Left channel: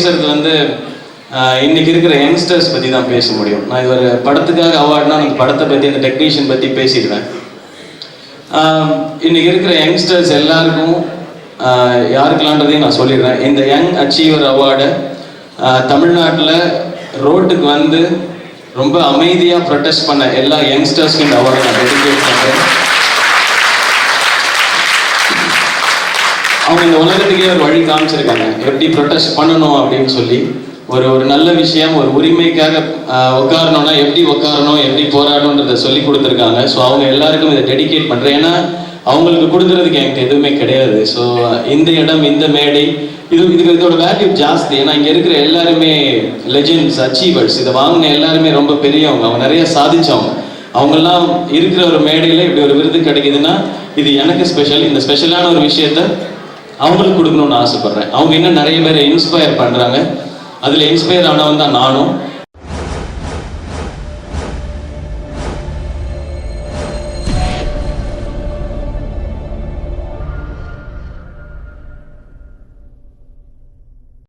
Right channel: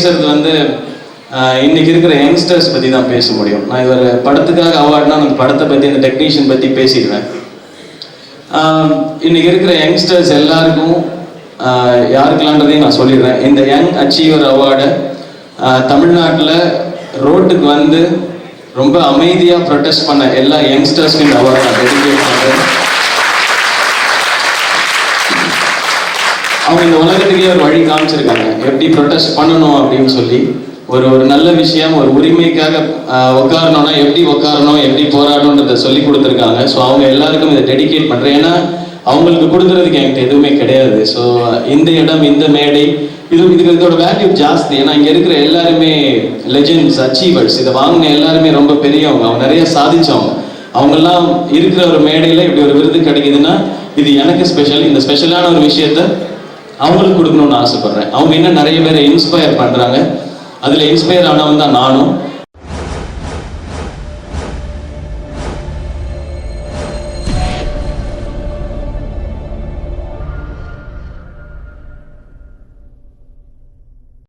பேசுறது வந்து இன்னைக்கு இருக்கிற யங்ஸ்டர்ஸ் பற்றி தான் பேச முடியும். நான் இது ஒரு படத்துக்காக அவார்ட்னா அந்த படத்தை பற்றி அந்த டெக்னீஷியன் பற்றி பேசிடுவேன். இன்னைக்கு இருக்கிற யங்ஸ்டர்ஸ் எல்லாருக்கும் யாருக்கெல்லான்றதையும் நான் சொல்லிடுறேன். இந்த யங் அச்சீவர் அவார்டை தமிழ்நாட்டில் ரோட்டுக்கு வந்து ரொம்ப அமைதியாக ப்ரொடெஸ்ட் பண்ண எல்லா யங்ஸ்டர்ஸ்க்கும் இந்த அவார்டை நான் டெடிகேட் பண்ணுறேன். அவங்க இந்த உலகத்துக்கே ஒரு வழி காமிச்சிருக்காங்க எப்படி ப்ரொடெஸ்ட் பண்ணணும் அப்படின்னு சொல்லி. ஒரு நல்ல விஷயம், ஒரு உரிமைக்காக உட்காரணும்னா எப்படி உட்காரணும், எப்படி போராடணுன்றதை சொல்லி கொடுத்துருக்காங்க. ஸோ அவங்க எல்லாருக்கும் இதை டெடிகேட் பண்ணுறேன். ஏன்னா அவங்களுக்கு கொடுக்குறதுக்கு என்கிட்ட எதுவுமே கிடையாது. ஸோ இந்த இடம், இந்த மேடை, இதோட வேல்யூ ஜாஸ்தி. ஏன்னா இங்கே இருக்கிற எல்லாருமே லெஜெண்ட்ஸ், அச்சீவர்ஸ். இதை வாங்கின எல்லாருமே ரொம்ப பெரியவங்க, அவங்க நிறைய சாதிச்சவங்க. அவங்கெல்லாம் இருக்கிற ஒரு மேடையில் இப்படி ஒரு விருது கிடைக்குதுன்னா இது எனக்கு ஸ்பெஷல். இந்த ஸ்பெஷலான ஒரு விஷயத்த அவங்களுக்கு கொடுக்கணும்னு ஆசைப்படுறேன். அவங்க இன்னும் நிறைய பேரை இன்ஸ்பயர் பண்ணுறாங்க. அதில் இன்ஸ்பயர் ஆனவன் தான் நானும்.